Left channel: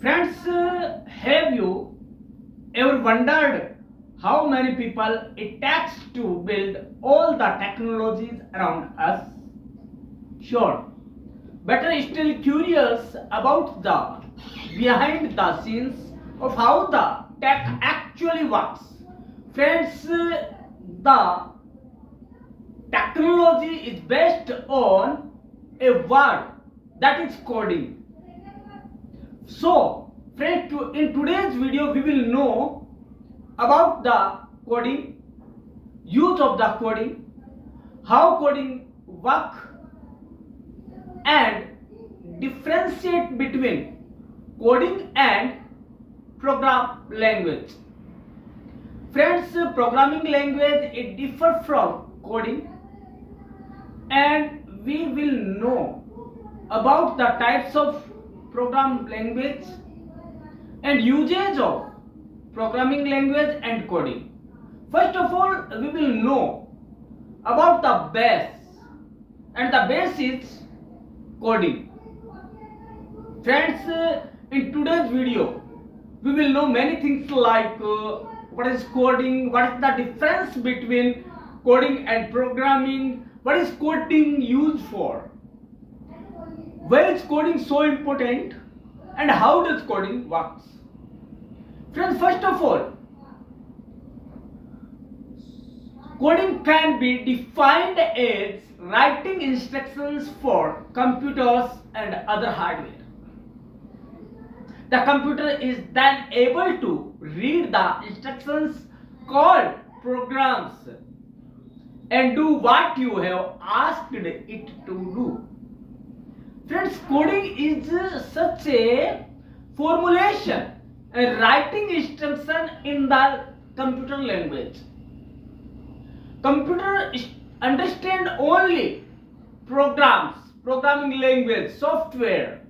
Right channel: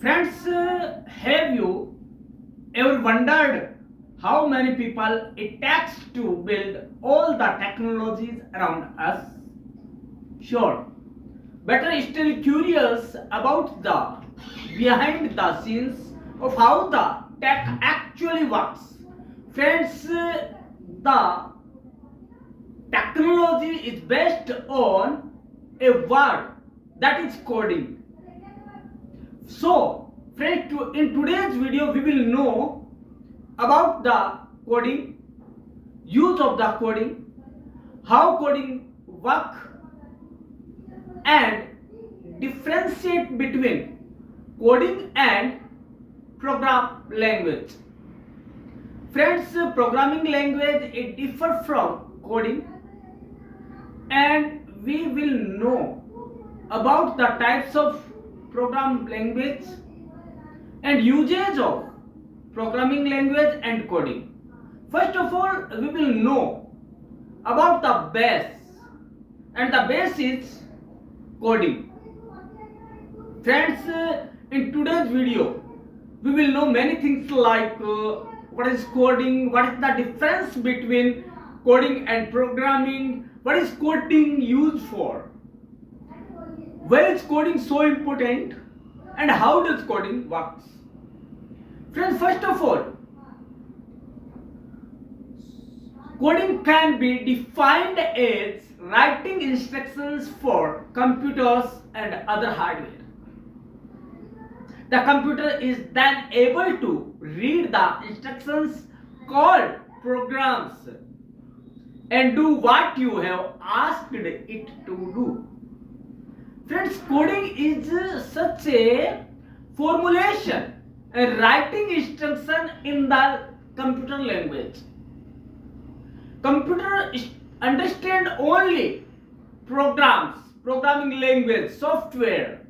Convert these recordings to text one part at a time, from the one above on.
Friends, have you ever wondered how many people it takes to build all the technologies around us? Sure, better still curious about the behind the scenes of how the tech actually works. Friends, the technology is based on a word that is coding. So, friends, in today's video, we will know about the coding, use of the coding, how coding work, and differentiate between coding and program language. Friends, programming language it differ from coding, and we will know about the types of program language and usage of programming language and coding. First of all, we will know about the base, and the base is coding. Friends, in today's video, we will know many things like what is coding, what is the difference between coding and programming, what is coding used for, why is coding so important, and how does coding works. Friends, first of all, coding can be defined as writing instructions for computers and other hardware. The computer is then able to read the instructions called programs and do what you have asked it to do. Friends, coding is such a formulation and writing instruction in the computer language. Computer understand only programs, programming language, software.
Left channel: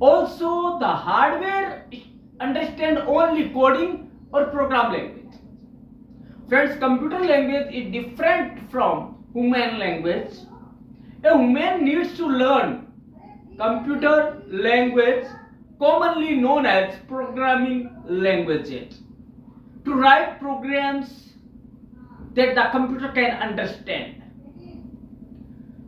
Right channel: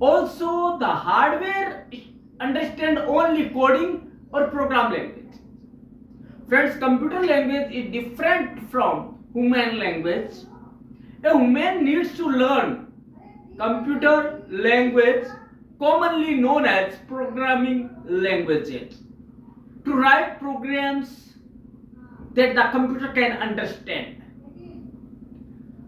Also, the hardware understand only coding or program language. Friends, computer language is different from human language. A human needs to learn computer language, commonly known as programming languages, to write programs that the computer can understand.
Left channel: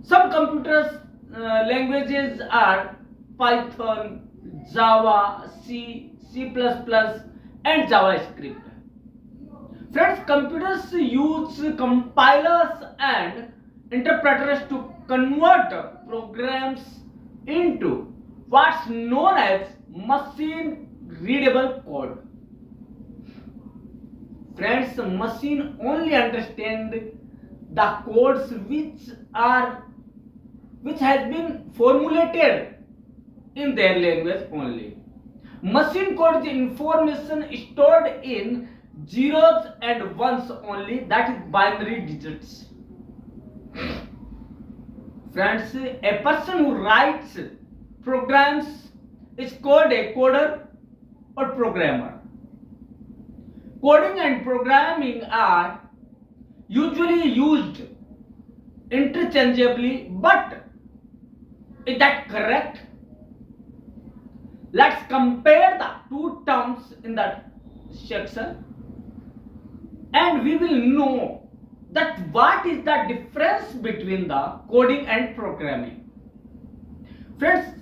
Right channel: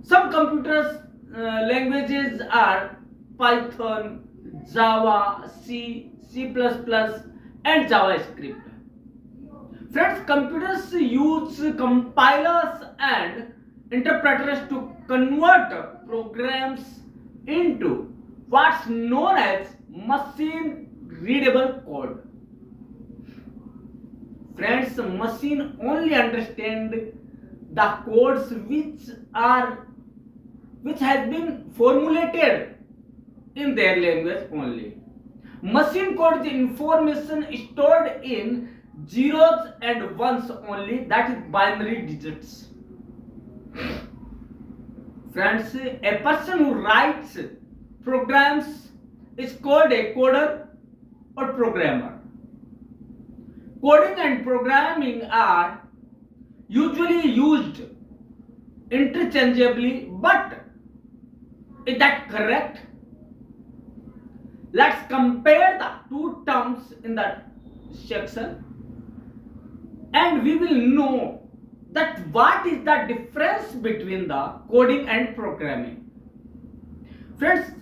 Some computer languages are Python, Java, C, C++, and JavaScript. Friends, computers use compilers and interpreters to convert programs into what's known as machine readable code. Friends, machine only understand the codes which has been formulated in their language only. Machine code is information stored in zeros and ones only, that is binary digits. Friends, a person who writes programs is called a coder or programmer. Coding and programming are usually used interchangeably, but is that correct? Let's compare the two terms in that section and we will know that what is the difference between the coding and programming. Friends,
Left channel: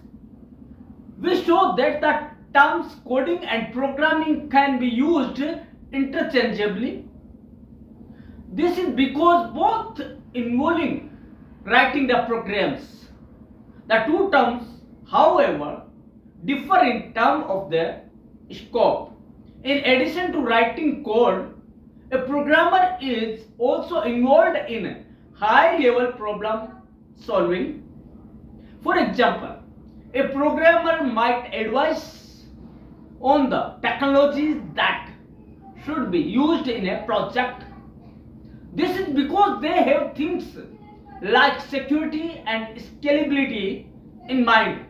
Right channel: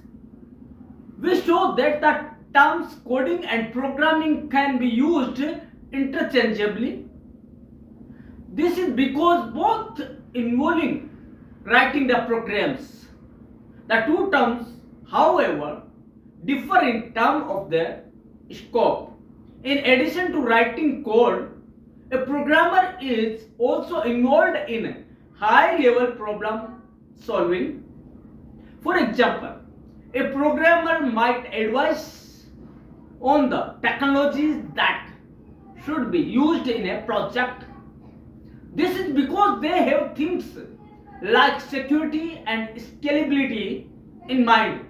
we show that the terms coding and programming can be used interchangeably. This is because both involving writing the programs. The two terms, however, differ in terms of their scope. In addition to writing code, a programmer is also involved in high-level problem solving. For example, a programmer might advise on the technologies that should be used in a project. This is because they have things like security and scalability in mind.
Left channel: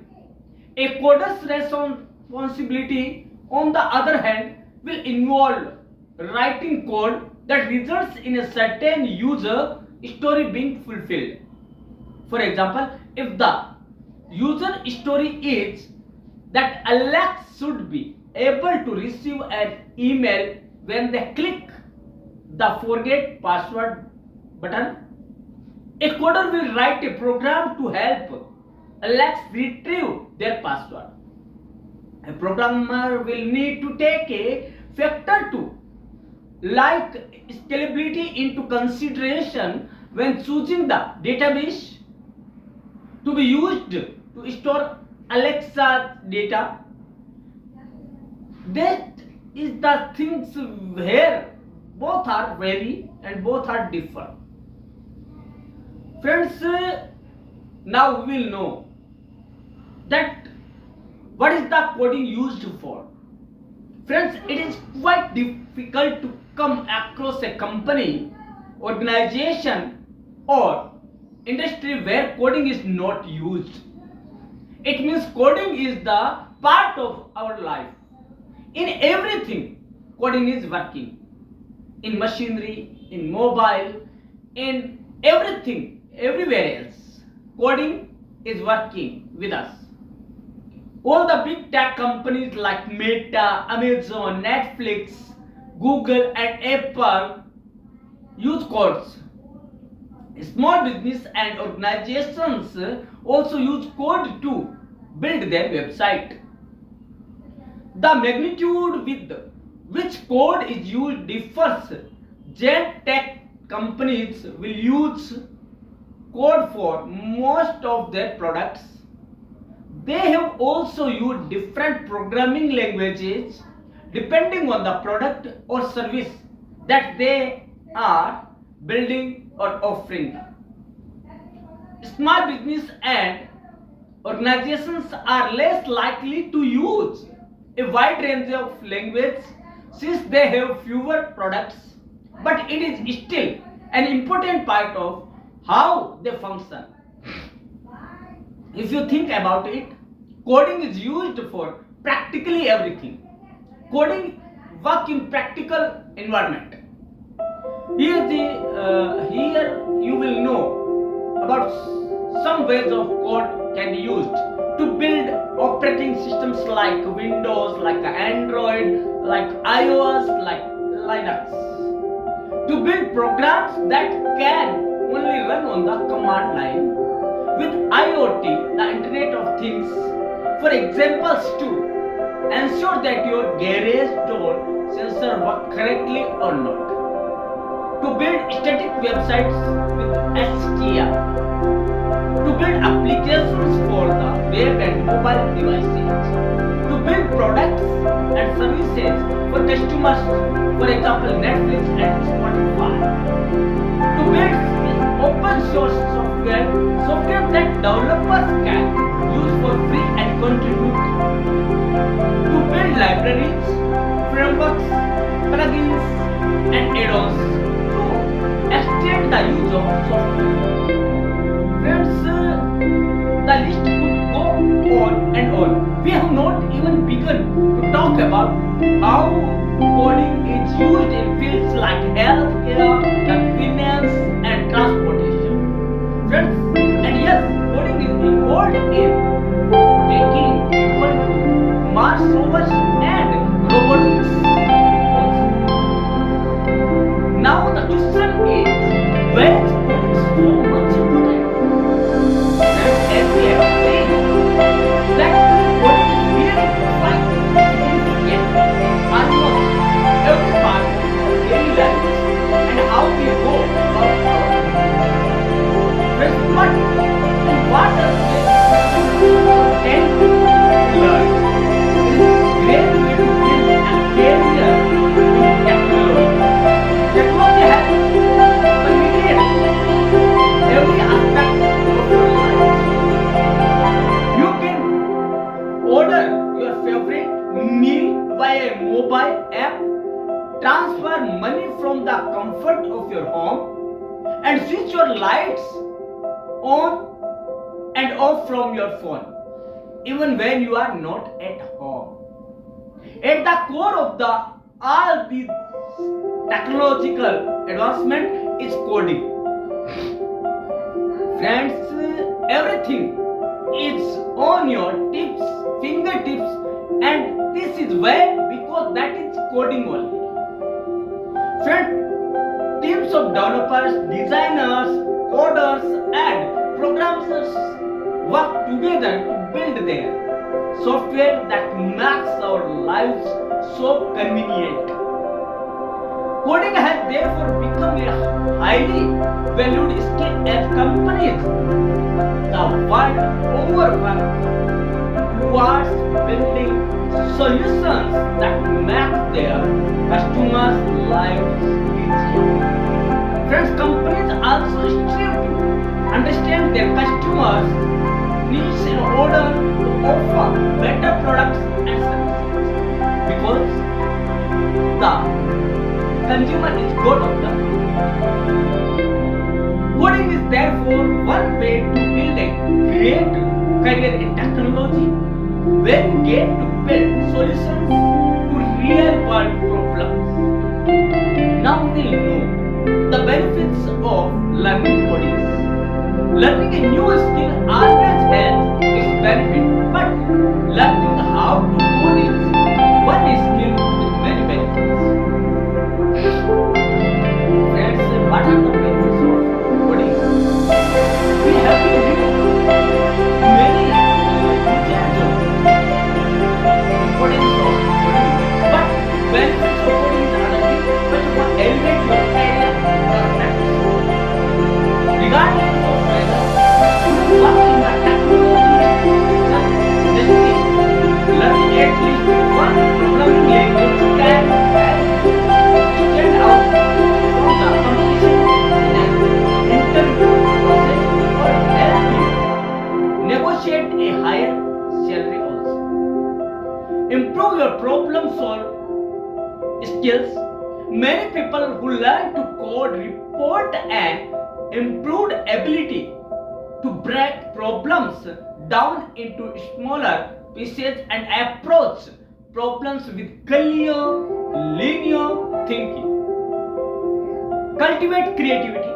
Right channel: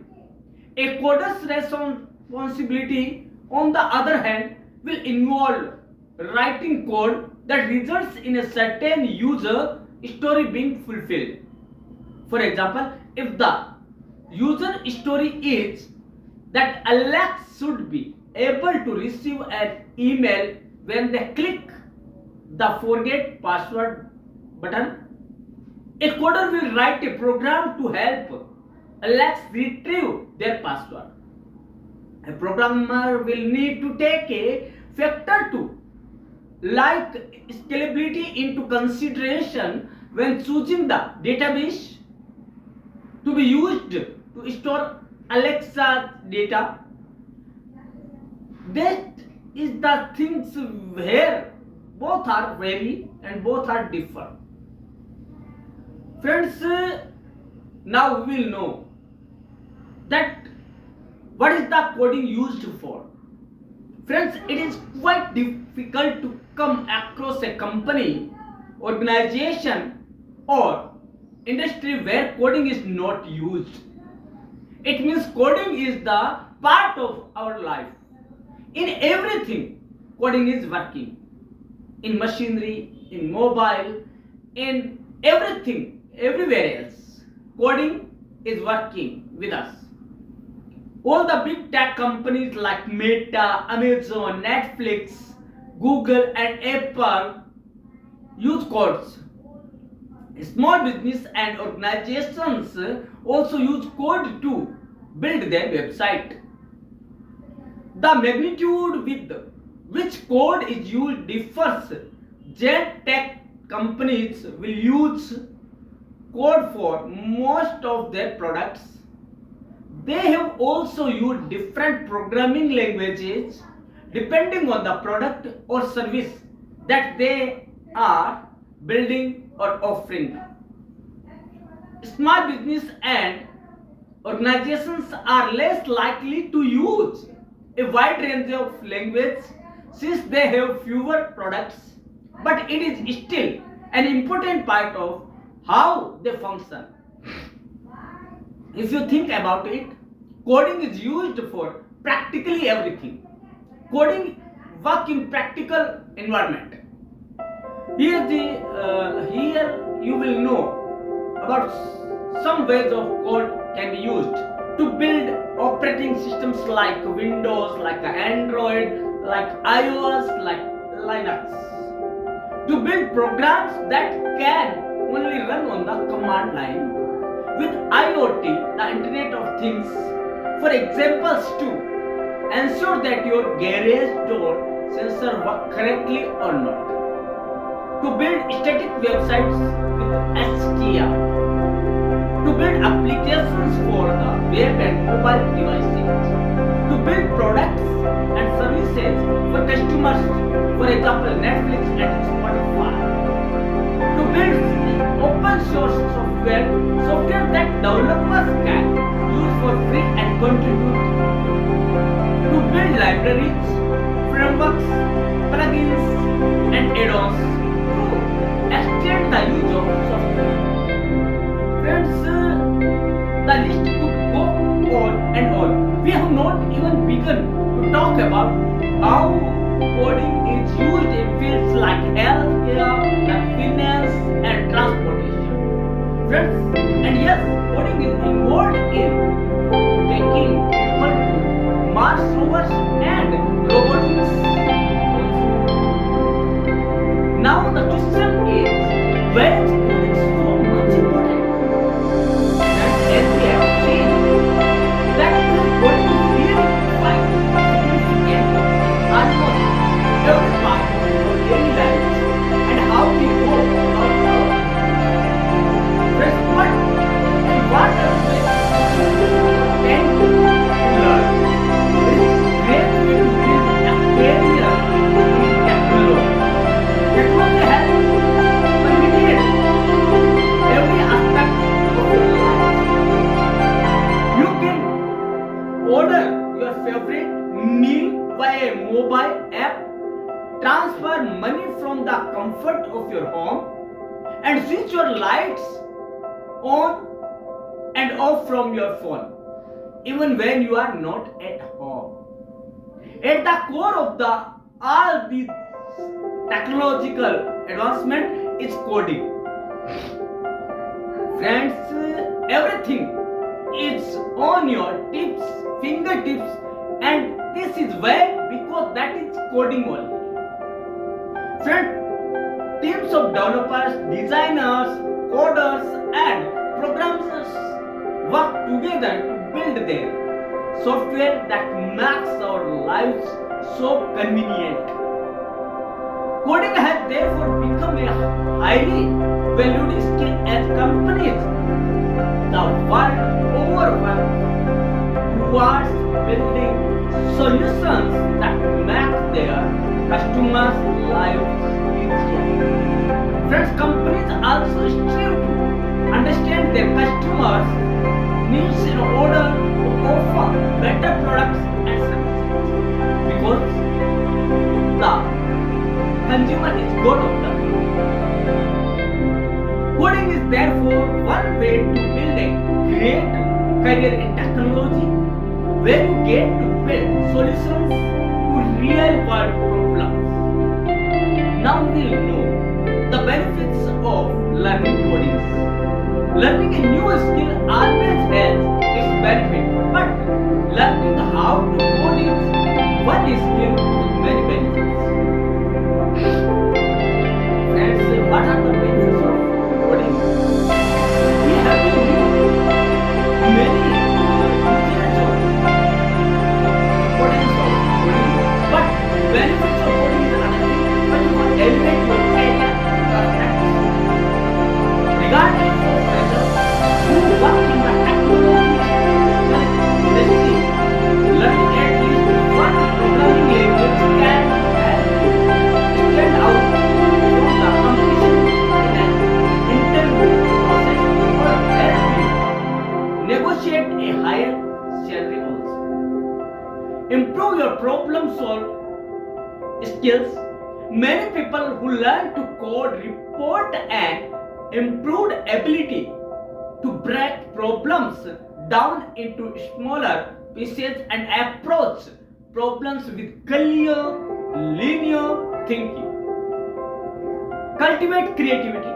A coder's responsibility, on the other hand, will involve writing code that results in a certain user story being fulfilled. For example, if the user story is that Alexa should be able to receive an email when they click the forget password button. A coder will write a program to help Alexa retrieve their password. A programmer will need to take a factor two like scalability into consideration when choosing the database to be used to store Alexa's data. That is the things where both are vary and both are differ. Friends, now we will know that what is the coding used for. Friends, it is quite difficult to come across a company, organization, or industry where coding is not used. It means coding is the part of our life. In everything, coding is working. In machinery, in mobile, in everything, everywhere else, coding is working with us. All the big tech companies like Meta, Amazon, Netflix, Google, and Apple use codes. Small business and organizations also use code to build their website. The magnitude with which code is used differs. Giant tech companies will use code for most of their products. They have also used different programming languages depending on the product or service that they are building or offering. Small business and organizations are less likely to use a wide range of language since they have fewer products, but it is still an important part of how they function. If you think about it, coding is used for practically everything. Coding work in practical environment. Here you will know about some ways of code can be used to build operating systems like Windows, like Android, like iOS, like Linux. To build programs that can only run on the command line with IoT, the Internet of Things. For examples, to ensure that your garage door sensor work correctly or not. To build static websites with HTML. To build applications for the web and mobile devices. To build products and services for customers, for example Netflix and Spotify. To build open source software that developers can use for free and contribute. To build libraries, frameworks, plugins and add-ons to extend the use of software. Friends, the list could go on and on. We have not even begun to talk about how coding is used in fields like healthcare, finance, and transportation. Friends, and yes, coding is involved in taking people to Mars rovers and robotics. Now the question is, where is coding so much important? As we have seen, that coding is really quite significant in almost every part of our daily lives and how we go about our what and what are the ways tend to learn. It is a great way to build a career in technology. Technology has permeated every aspect of your life. You can order your favorite meal via a mobile app, transfer money from the comfort of your home, and switch your lights on and off from your phone, even when you are not at home. At the core of all these technological advancement is coding. Friends, everything is on your tips, fingertips, and this is why, because that is coding only. Friend, teams of developers, designers, coders, and programmers work together to build their software that makes our lives so convenient. Coding has therefore become a highly valued skill as companies the world over work towards building solutions that make their customers' lives easier. Friends, companies also strive to understand their customers' needs in order to offer better products and services because the consumer is god of the market. Coding is therefore one way to build a great career in technology where you get to build solutions to real world problems. Now we'll know the benefits of learning coding. Learning a new skill always has its benefit, but learning how to code is one skill with many benefits. Friends, what are the benefits of coding? We have been used many uses of importance of coding, but benefits of coding is another thing, but will elevate your career prospects. Regardless of whether you work in the technological industry, learning at least one programming language can help you stand out from the competition in an interview process or help you negotiate a higher salary also. Improve your problem solve skills. Many people who learn to code report an improved ability to break problems down into smaller pieces and approach problems with clear, linear thinking. Cultivate creativity.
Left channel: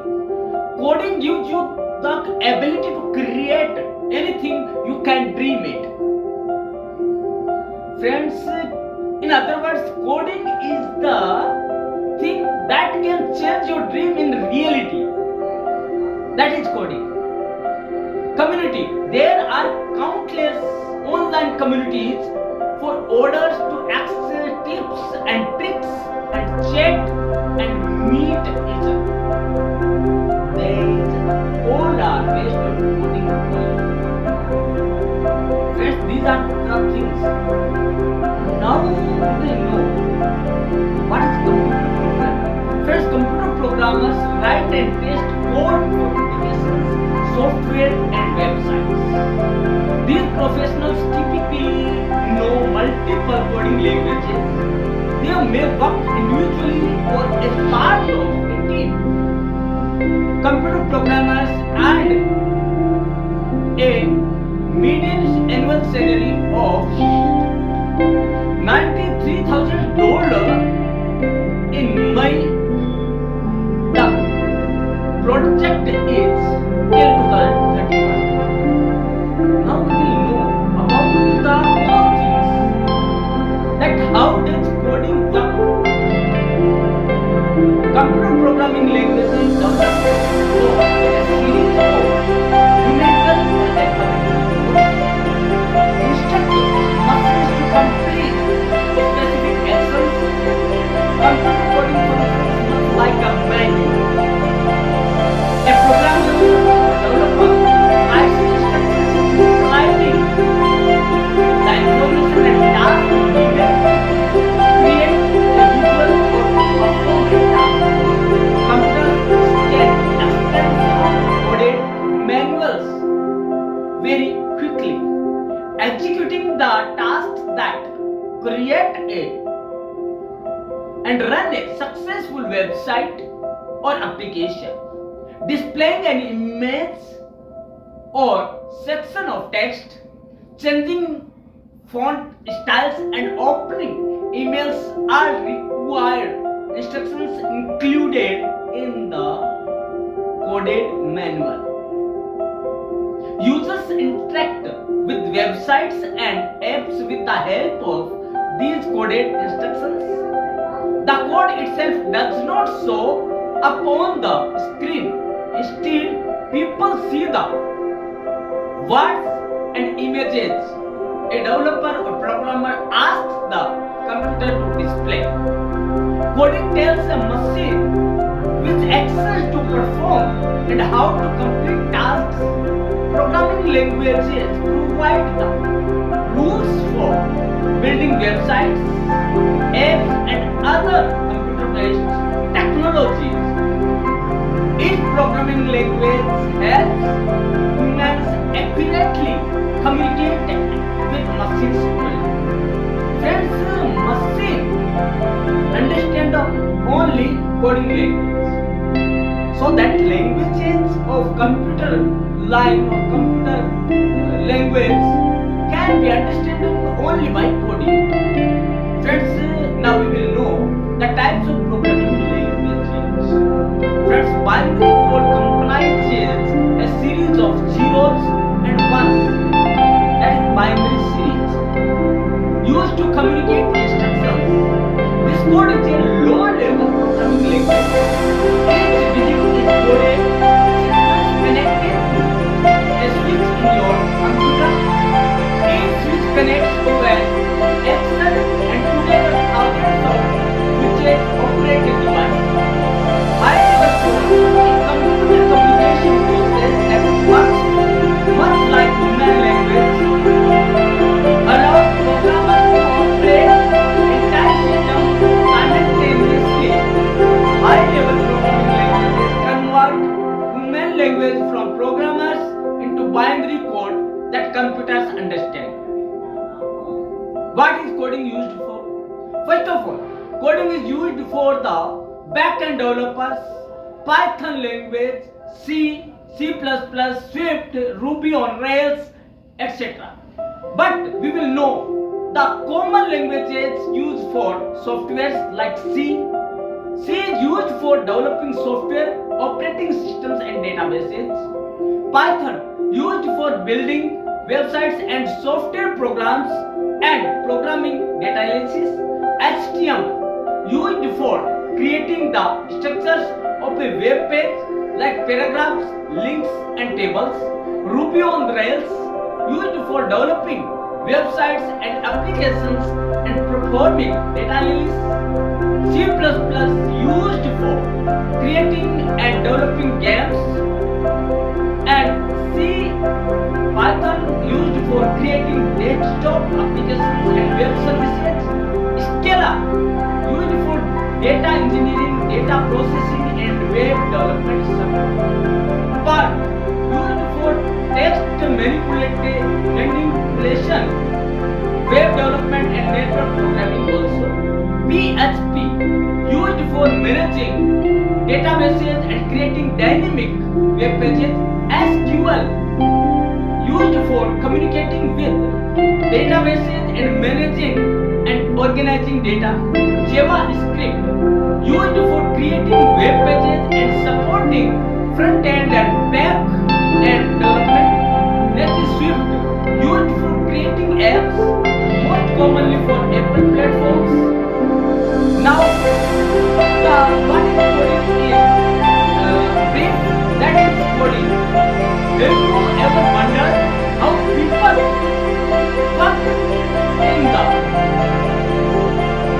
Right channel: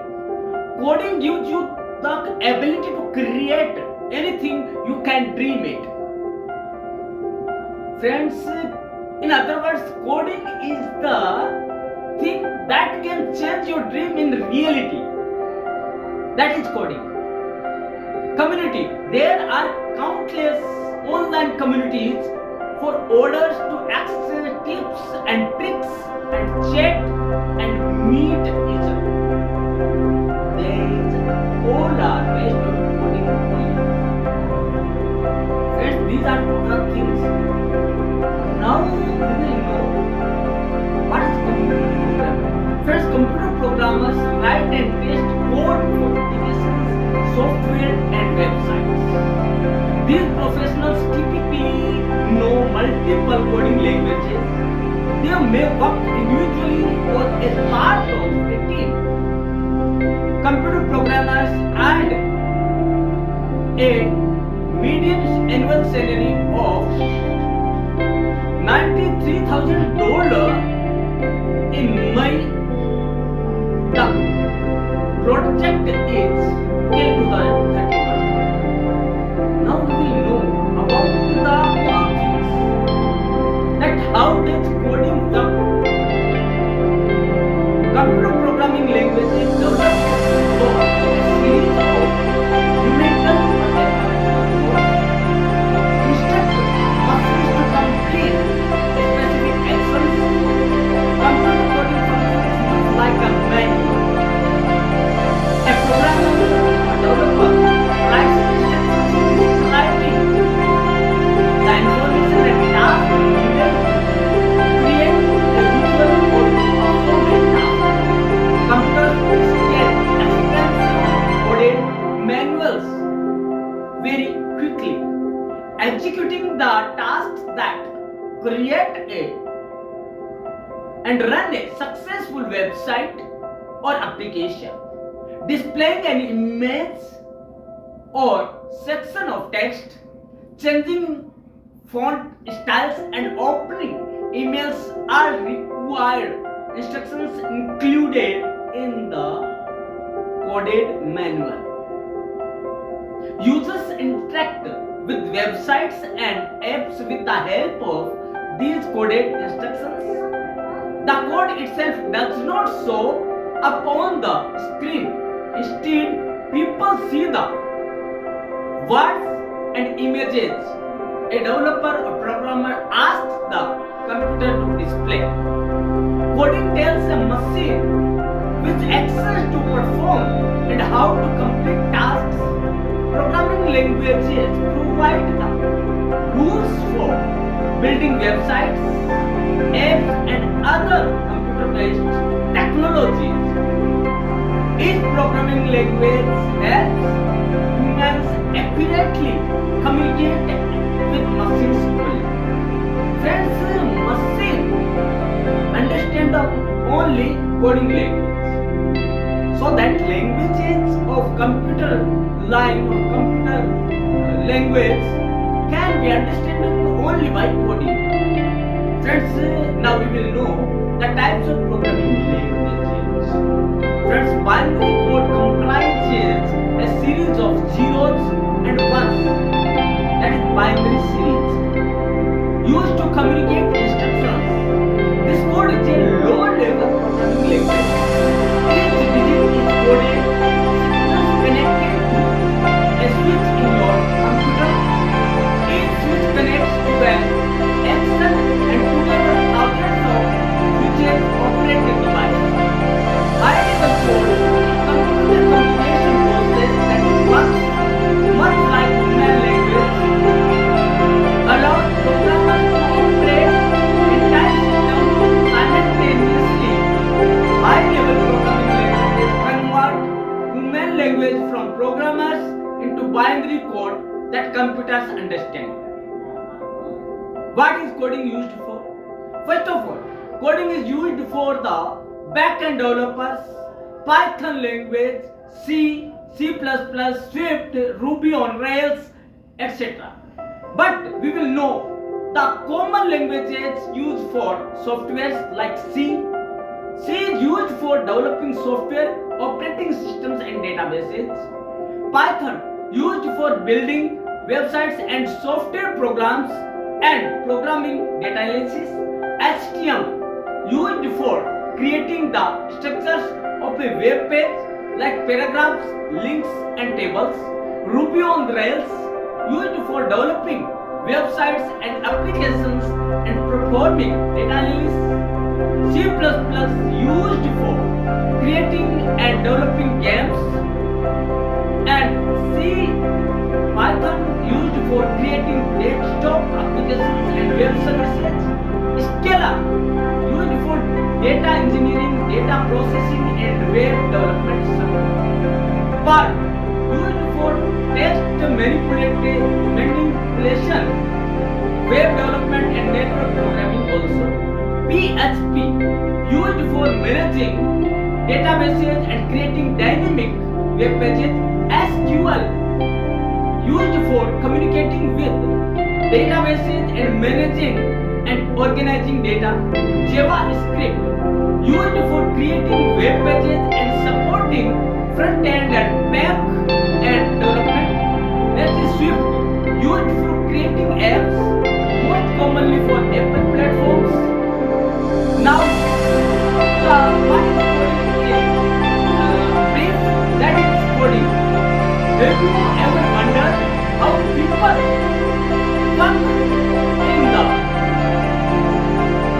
Coding gives you the ability to create anything you can dream it. Friends, in other words, coding is the thing that can change your dream in reality. That is coding. Community. There are countless online communities for orders to access tips and tricks and chat and meet each other. These all are based on coding only. Friends, these are the things. Now we will know what is computer programming. First, computer programmers write and test code for applications, software and websites. These professionals typically know multiple coding languages. They may work individually or as part of a team. Computer programmers earn a median annual salary of $93,000 in May. The project is till 2031. Now we will know about the more things, that how does coding work. Computer programming languages developed for a series of numerical or alphabetical codes. Instruct machines to complete specific actions. Computer coding functions much like a manual. A programmer or developer writes instructions describing the information and tasks needed to create a visual or to perform a task. Computers scan extensive coded manuals very quickly, executing the tasks that create and run a successful website or application. Displaying an image or section of text, changing font styles and opening emails are required instructions included in the coded manual. Users interact with websites and apps with the help of these coded instructions. The code itself does not show upon the screen. Instead, people see the words and images a developer or programmer asks the computer to display. Coding tells a machine which actions to perform and how to complete tasks. Programming languages provide the rules for building websites, apps, and other computer-based technologies. Each programming language helps humans accurately communicate with machines equally. Friends, machine understand only coding language. So that languages of computer line or computer language can be understood only by coding. Friends, now we will know the types of programming languages. Friends, binary code comprises a series of zeros and ones, that is binary series, used to communicate instructions. This code is a low-level programming language. Each digit is coded sequence connected to a switch in your computer. Each switch connects to an action and together thousands of switches operate a device. High-level code is a computer communication process that works much like human language, allows programmers to operate entire systems simultaneously. High-level programming languages convert human language from programmers into binary code that computers understand. What is coding used for? First of all, coding is used for the back-end developers, Python language, C, C++, Swift, Ruby on Rails, etc. But we will know the common languages used for softwares like C. C is used for developing software, operating systems and databases. Python used for building websites and software programs and programming data analysis. HTML used for creating the structures of a web page like paragraphs, links and tables. Ruby on Rails used for developing websites and applications and performing data analysis. C++ used for creating and developing games, and C Python used for creating desktop applications and web services. Scala used for data engineering, data processing and web development support. Perl used for text manipulation, web development and network programming also. PHP used for managing databases and creating dynamic web pages. SQL used for communicating with databases and managing and organizing data. JavaScript used for creating web pages and supporting front end and back end development. Next is Swift used for creating apps, most commonly for Apple platforms. Now, what is coding in brief? That is coding. Have you ever wondered how people work in the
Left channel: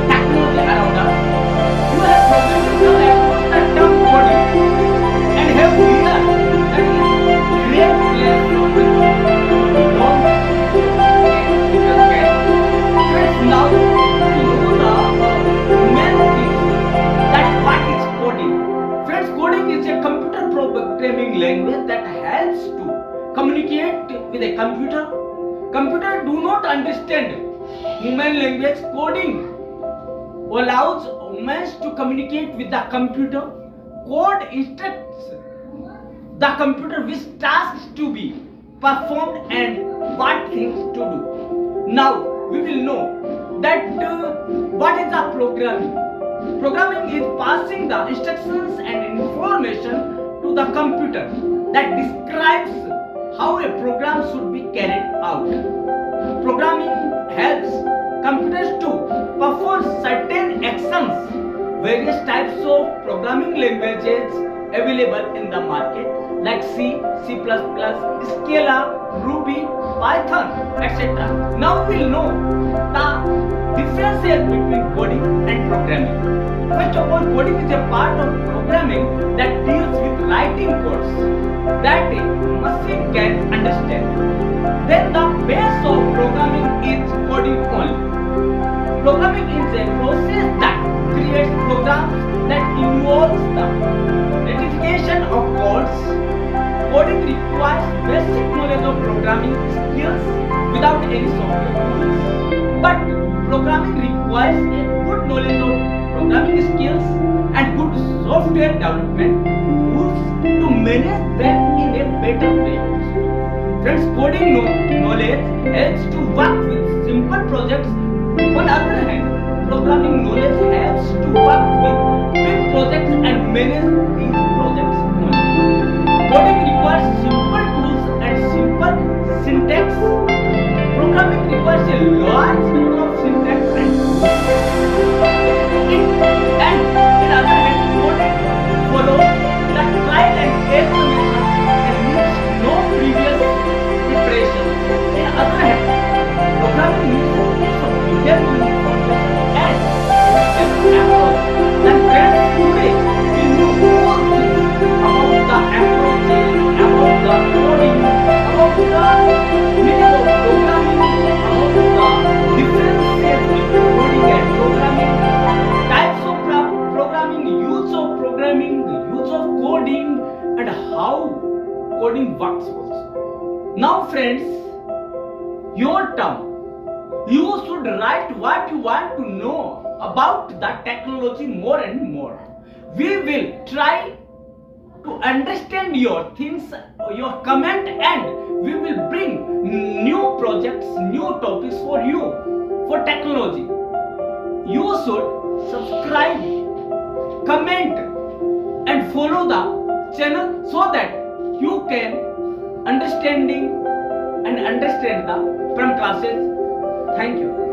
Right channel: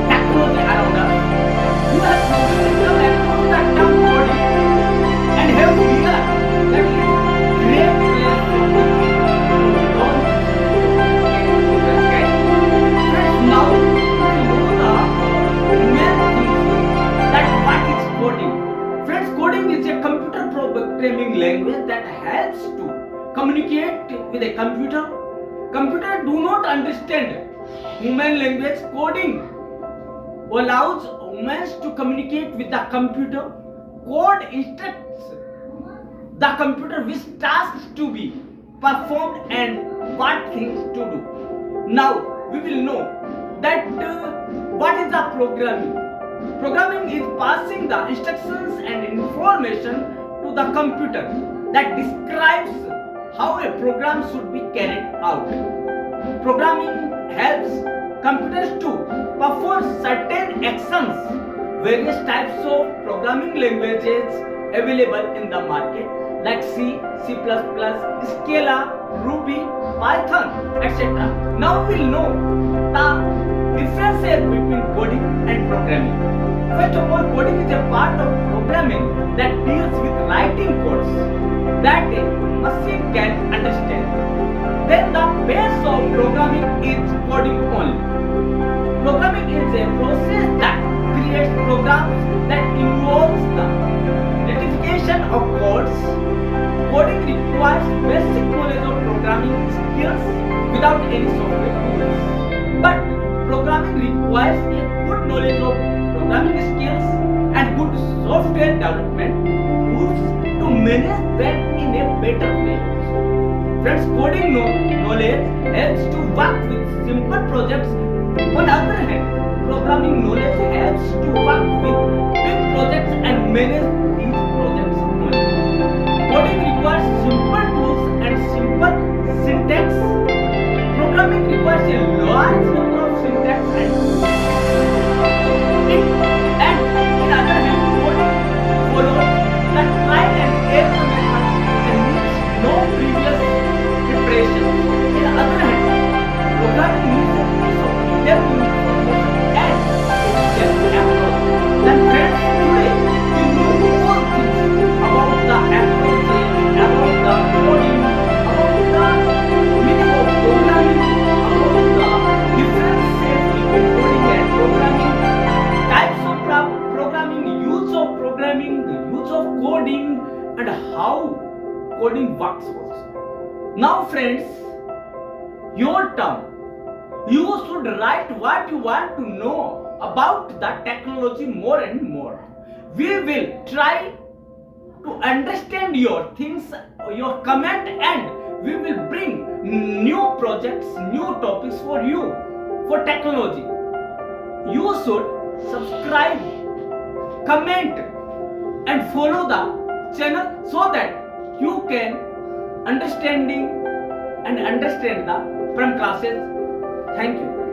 technology around us? You have probably come across the term coding and have heard that it is great place from which to learn technical skills. Friends, now we know the main things that what is coding. Friends, coding is a computer programming language that helps to communicate with a computer. Computer do not understand human language. Coding allows humans to communicate with the computer. Code instructs the computer which tasks to be performed and what things to do. Now we will know that what is the programming. Programming is passing the instructions and information to the computer that describes how a program should be carried out. Programming helps computers to perform certain actions. Various types of programming languages available in the market like C, C++, Scala, Ruby, Python, etc. Now we'll know the differences between coding and programming. First of all, coding is a part of programming that deals with writing codes that a machine can understand. Then the base of programming is coding only. Programming is a process that creates programs that involves the rectification of codes. Coding requires basic knowledge of programming skills without any software tools. But programming requires a good knowledge of programming skills and good software development tools to manage them in a better way. Friends, coding knowledge helps to work with simple projects. On the other hand, programming knowledge helps to work with big projects and manage these projects only. Coding requires simple tools and simple syntax. Programming requires a large number of syntax and tools. And in other hand, coding follows the trial and error method and needs no previous preparation. In other hand, programming needs a piece of detailed information and a step approach. Then friends, today we know all things about the approaches, about the coding, about the meaning of programming, about the differences between coding and programming, types of programming, use of coding, and how coding works also. Now friends, your turn. You should write what you want to know about the technology more and more. We will try to understand your things, your comment, and we will bring new projects, new topics for you for technology. You should subscribe, comment, and follow the channel so that you can understand the Prem classes. Thank you.